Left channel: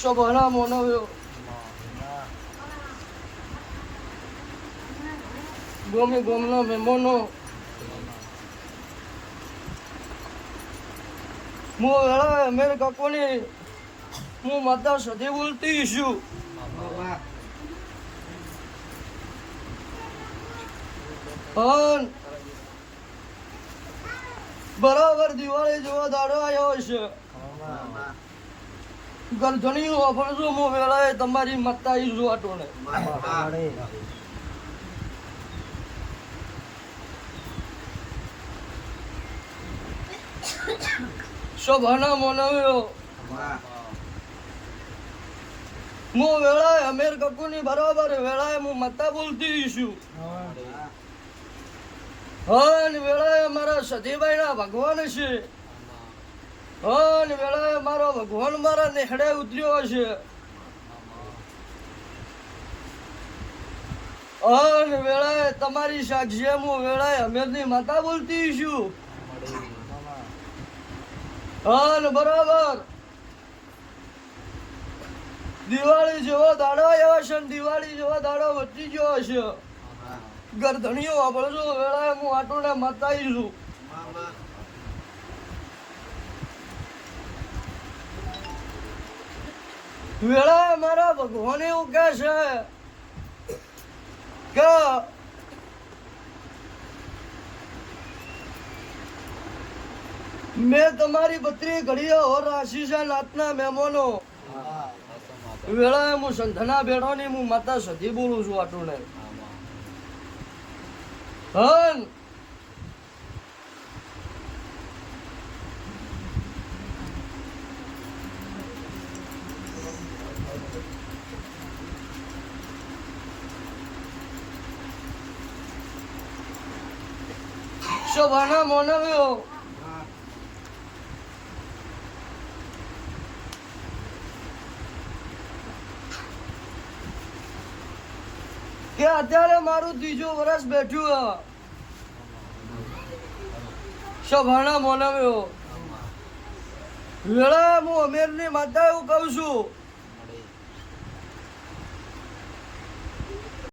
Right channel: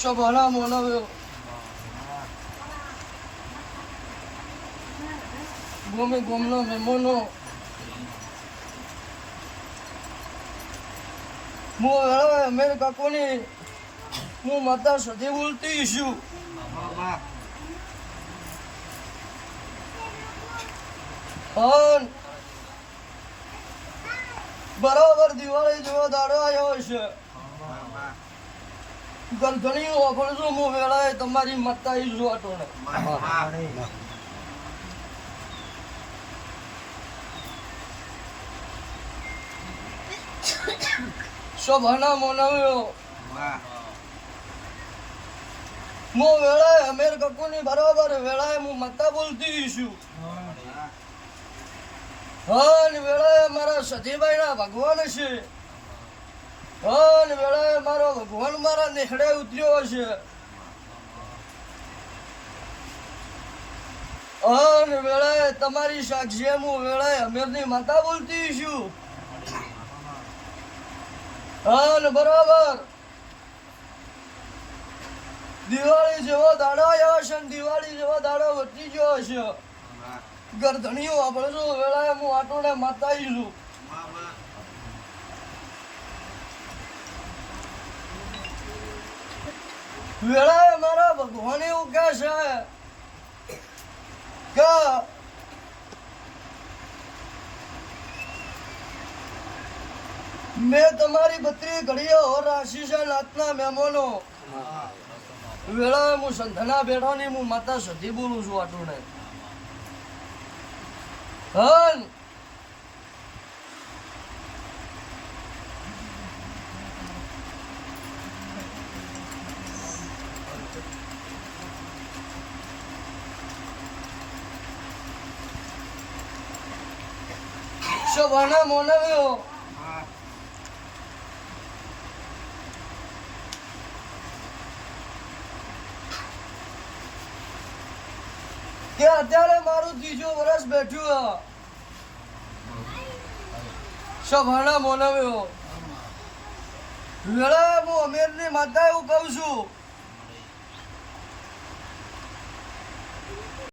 સભણા મોનવ્યો ગોમે ગોમનો મેમોનો હું વેળા અમેરિકા કોની હું માતા સધી બોલતી છું અન બરાબર દિવાળી જેવો દાડો આવ્યો છે ગરધણી વાપરું છું હું વેળાએ તમારી મત્તા છું આટોને શોભાના મોનવ્યો હું વેળાએ અમેર કકુની બરાબર વેળાએ હું મત્તા બોલતી છું હન વેળાએ મારા સતીભાઈ ના ભગવાન છે હન વેળાએ મારો ભગવાન મારા નેહડે ઉતર્યો છે હન વેળાએ તમારી સાક્ષી હું વેળાએ અમેરની માતા બોલતી છું હન બરાબર દિવાળી જેવો દાડો આવ્યો છે ને દિવાળી જેવો દાડો વધી ગયો છે ગરધણીઓ વાપરું છું વેળાએ હું આટોને માતાઈ છું વેળાએ મારા ભગવાન એવું કહે છે કે મેં તમારી બત્રી ઘડીઓ રાશિ છે નાતના મહેમાનો વેળાએ હું સંધના બેડોની હું માતા સધી બોલું છું આટુને હન શોભાના મોનવ્યો કે અત્યારે મારું ત્રીજું વર્ષ બેઠું શોભાના મોનવ્યો વેળા હું અમેરની માતા એવું કહું છું